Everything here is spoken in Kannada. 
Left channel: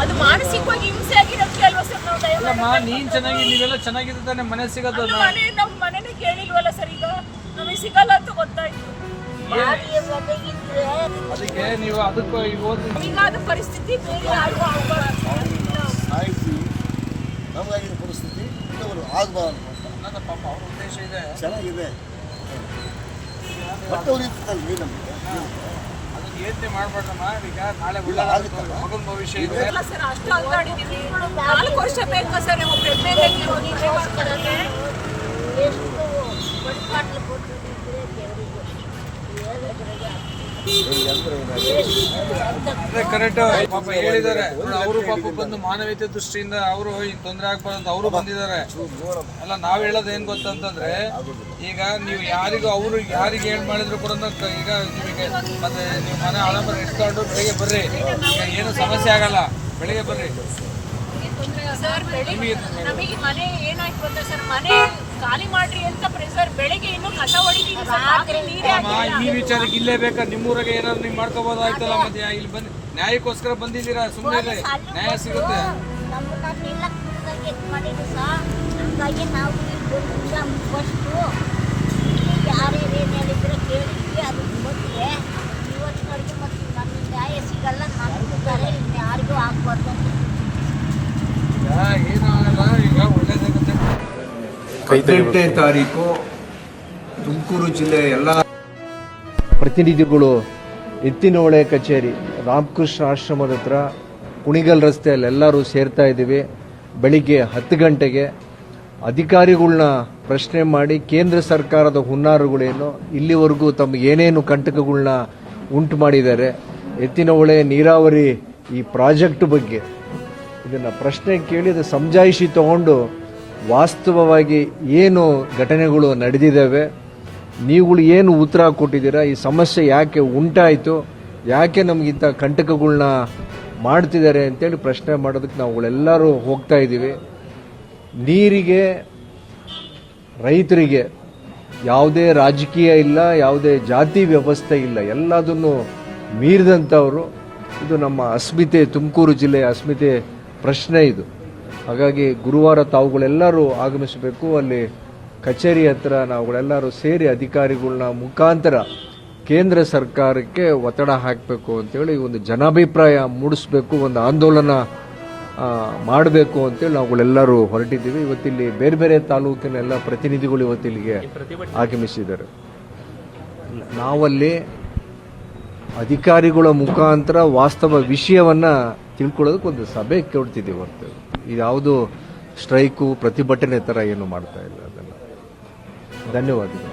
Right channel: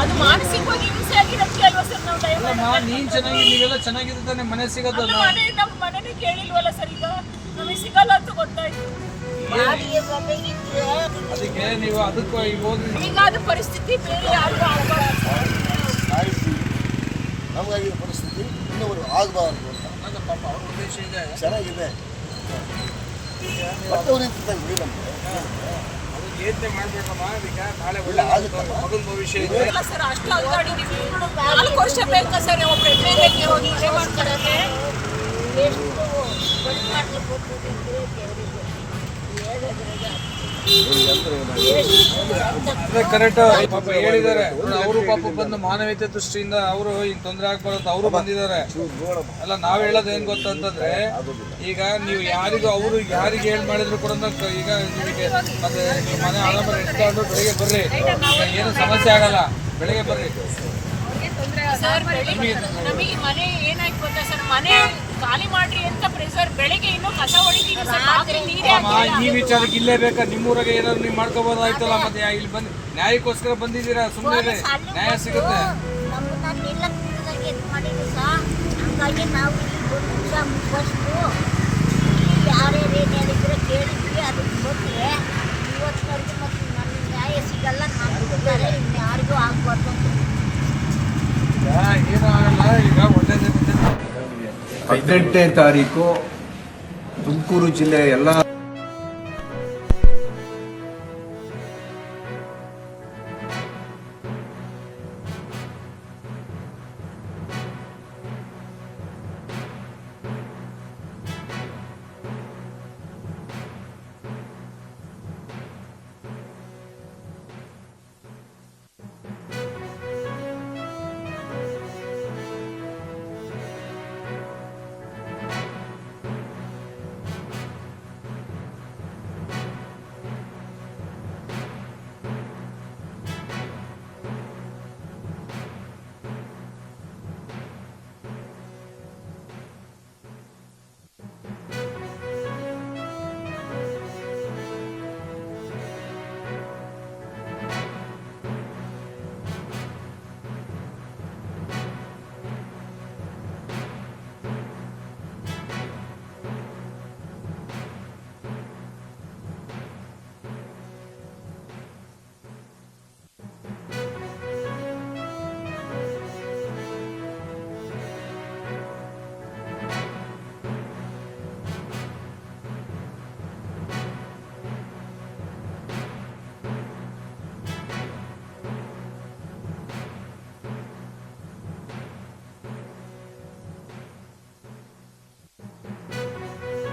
ಅದು ಮಾನಸಿಕವಾಗಿ ಹಿಂಸೆ ಆಗಿರೋದಕ್ಕೆ ಅಲ್ವಾ ಸರ್ ನಾವು ನೀನ್ ಚೆನ್ನಾಗಿ ನೀವೆಲ್ಲ ಚೆನ್ನಾಗಿದೆ ತಾನೆ ಮನೆ ಸಿಗೋದು ನಮ್ಮ ಮನೆನೇ ಕೇಳಿಲ್ವಲ್ಲ ಸರ್. ಈಗ ನಮಗೆ ಸಿಗಲ್ಲ ಅಂತ ಗೊತ್ತಾಯ್ತು. ಅದಕ್ಕೆ ನೀವು ಅದಕ್ಕೆ ಈಗಾದ ಪರಿಸ್ಥಿತಿ ಬೇರೆ ಯಾರಿಗೂ ಆಗಬಾರ್ದು. ನಮಗಾಗಿರೋ ಪರಿಸ್ಥಿತಿ ಇನ್ನೊಬ್ರು ಆಗಬಾರ್ದು ಅಂತ ನನ್ನ ಪಾಪ ಅವ್ರ ಉದ್ದೇಶ ಇದೆ. ಚೆನ್ನಾಗಿದೆ ಮತ್ತೆ ಉಳಿತದೆ ನಮಗೆ. ಅದಕ್ಕೆ ಯೋಚನೆ ಮಾಡ್ಬೇಡಮ್ಮ. ಈಗ ನಾಳೆ ಒಳ್ಳೆ ಮಗನ ಭವಿಷ್ಯ ಇದೆ ಸರ್. ಅಷ್ಟು ಅಲ್ಲಾಡಿದ್ದೀವಿ. 4 ವರ್ಷ ಬೇಕಾ ಸರ್ ಒಬ್ಬ ಎಮ್ಮೆಲ್ಲೆಗೆ ಒಂದು ಮನೆ ಮಾಡ್ಕೊಡೋಕ್ಕೆ? ಕರೆಕ್ಟ್ ಪಾಪ ಹೇಳಿದ್ದಾರೆ. ಅವರು ಪಾಪ ಬಂದು ಮಾನವೀಯತೆ ದೃಷ್ಟಿಯಿಂದ ಅವರು ತೊಂದರೆ ಆಗ್ಬಾರ್ದು ಅಂತ ಅವರು ಬಂದಿದ್ದಾರೆ. ಅಲ್ಲ ನಾವ್ ಹೇಳೋದು ಏನ್ ಗೊತ್ತಂತಂದ್ರೆ, ಈಗ ನೀವು ಯಾರಿಗೂ ಅವರು ಯಾರಿಗೆ ಏನ್ ಮಾಡಿದ್ರು ಕೂಡ ಈಗ ನಿಮಗೆ ಮತ್ತೆ ನೀವು ಮನೆ ಆರಾಮ ಇಟ್ಕೊಂಡು ಬೆಳಿಗ್ಗೆ ಬರ್ರಿ. ಈಗ ಏನು ಸಮಸ್ಯೆ ಆಗಲ್ಲ, ಬೆಳಿಗ್ಗೆ ಬರ್ರಿ. ಸರ್ ನಮಗೆ ಮನೆ ಏನಾಯ್ತು ಗೊತ್ತಾ ಸರ್, ಮನೆ ಖಾಲಿ ಮಾಡ್ರಿ ಅಂತ ಪ್ರೆಸರ್. ಬೆಳಿಗ್ಗೆ ಇನ್ನೂ ಕಸ ಹೊಡಿತೀವಿ ಸರ್. ಈ ವಿಚಾರಕ್ಕೆ ಇಲ್ಲೇ ಬೇಕಾ? ನಿಮ್ಮೂರಾಗೆ ಏನಾದ್ರು ನೀವು ಮಾಡ್ಕೋಬಹುದಾಯ್ತಲ್ಲ. ಮತ್ತೆ ಇಲ್ಲಿ ಬಂದು ನ್ಯಾಯಕ್ಕೋಸ್ಕರ ಬಂದಿದ್ದೀರಾ, ಸುಮ್ಮನೆ ನ್ಯಾಯ ಸಿಗುತ್ತೆ. ಹಂಗಾಗಿ ನಾವು ಯಾರು ಏನು ಹೇಳಿದ್ರು ಕೇಳಿದ್ವಿ, ಅದಕ್ಕೆ ಬಂದರೆ ಇವತ್ತಿನವರೆಗೂ ಮತ್ತು ನಮಗೆ ನ್ಯಾಯ ಸಿಗಲ್ಲ. ನಮ್ಗಿದ್ದಾರೆ ಯಾರಿಗೂ ಆಗ್ಬಾರ್ದು ಅಂತ ಏನು ಆಗಲ್ಲ. ಈಗ ಒಳ್ಳೇದಾಗುತ್ತೆ. 18ನೇ ತಾರೀಕು ತುಮಕೂರು ಜಿಲ್ಲೆಯ ಎಲ್ಲ ಪ್ರತಿನಿಧಿಗಳು ಎತ್ತಿನಹೊಳೆ ಕಚೇರಿ ರಾಮಕೃಷ್ಣ ಆಶ್ರಮದ ಹತ್ರ ಕುಣಿಗಲ್ ರಸ್ತೆಯಲ್ಲಿ ಎಲ್ಲರೂ ಸೇರ್ತಾ ಇದ್ದೀವಿ. ಬೆಳಿಗ್ಗೆ 10 ಗಂಟೆಗೆ ಅಧಿಕಾರಿಗಳನ್ನ ಪ್ರಶ್ನೆ ಮಾಡಿ ಕೇಂದ್ರ ಸರ್ಕಾರದ ಹುನ್ನಾರಗಳೇನು, ಇಲ್ಲಿವರೆಗೂ ತಮಗೆ ಏನೇನು ಕಂಟಕಗಳನ್ನ ಉಂಟು ಮಾಡಿದ್ದಾರೆ, ಎತ್ತಿನಹೊಳೆ ನೀರಾವರಿ ಈ ಪ್ರಾಜೆಕ್ಟ್ ಬಗ್ಗೆ ಇದನ್ನು ಪ್ರಶ್ನೆ ಕೇಳಿದ ಸಮಜಾಯಿಷಿ ತಗೊಂಡು ವಾಸ್ತವವಾಗಿ ಏನು ಘಟನೆಗಳು ನಡೆದಿದ್ದಾವೆ, ನೀವುಗಳು ಏನು ಉತ್ತರ ಕೊಟ್ಟಿದ್ದೀರಾ, ಈ ಸಮಸ್ಯೆ ಯಾಕೆ ಉಂಟಾಯಿತು, ಯಾಕೆ ನಮಗಿಂತ ಕಂಟಕಗಳನ್ನ ಮಾಡ್ತಿದ್ದಾರೆ ಅಂತೇಳಿ ಪ್ರಶ್ನೆ ಮಾಡೋದಕ್ಕೆ ನಾವುಗಳೆಲ್ಲರೂ ಹೋಗ್ತಾ ಇದ್ದೀವಿ. ನೀರಿಗೆ, ರೈತರಿಗೆ ಯಾವುದೇ ರಾಜಕೀಯ ಇಲ್ಲ, ಯಾವುದೇ ಜಾತಿ ವ್ಯವಸ್ಥೆ ಇಲ್ಲ, ಎಲ್ಲದನ್ನು ಮೀರಿದಂಥವರು. ಇದು ನಮ್ಮ ಅಸ್ಮಿತೆ, ತುಮಕೂರು ಜಿಲ್ಲೆಯ ಅಸ್ಮಿತೆ ಪ್ರಶ್ನೆ ಇದು. ಹಾಗಾಗಿ ಗುರುವಾರ ತಾವುಗಳೆಲ್ಲರೂ ಆಗಮಿಸಬೇಕು. ಅಲ್ಲಿ ಕಚೇರಿ ಹತ್ರ ನಾವುಗಳೆಲ್ಲರೂ ಸೇರಿ ಅಧಿಕಾರಿಗಳನ್ನ ಮುಖಾಂತರ ಕೇಂದ್ರ ಸರ್ಕಾರಕ್ಕೆ ಒತ್ತಡ ಹಾಕಬೇಕು ಅಂತೇಳಿ ಒಂದು ಜನಾಭಿಪ್ರಾಯ ಮೂಡಿಸ್ಬೇಕು, ಒಂದು ಆಂದೋಲನ ಮಾಡಬೇಕು ಅಂತೇಳಿ ನಾವುಗಳೆಲ್ಲರೂ ಹೊರಟಿದ್ದೀವಿ. ಇವತ್ತಿಲ್ಲಿ ಬೇರೆ ಬೇರೆ ತಾಲೂಕಿನ ಎಲ್ಲ ಪ್ರತಿನಿಧಿಗಳು ಇವತ್ತಿಲ್ಲಿಗೆ ಆಗಮಿಸಿದ್ದಾರೆ. ನಾವಲ್ಲಿ ಅಧಿಕಾರಿಗಳ ಮುಖಾಂತರ ವಾಸ್ತವ ವಿಷಯವನ್ನು ತಿಳ್ಕೊಳ್ಳೋದಕ್ಕೆ ಒಂದು ಸಭೆ ಕೊಡ್ತಿದ್ದೀವಿ ಹೊರತು ಇದ್ಯಾವುದು ಸ್ಟ್ರೈಕು ಪ್ರತಿಭಟನೆ ಥರ ಏನು ಮಾಡ್ತಾ ಇಲ್ಲ. ಅದನ್ನು ಧನ್ಯವಾದಗಳು.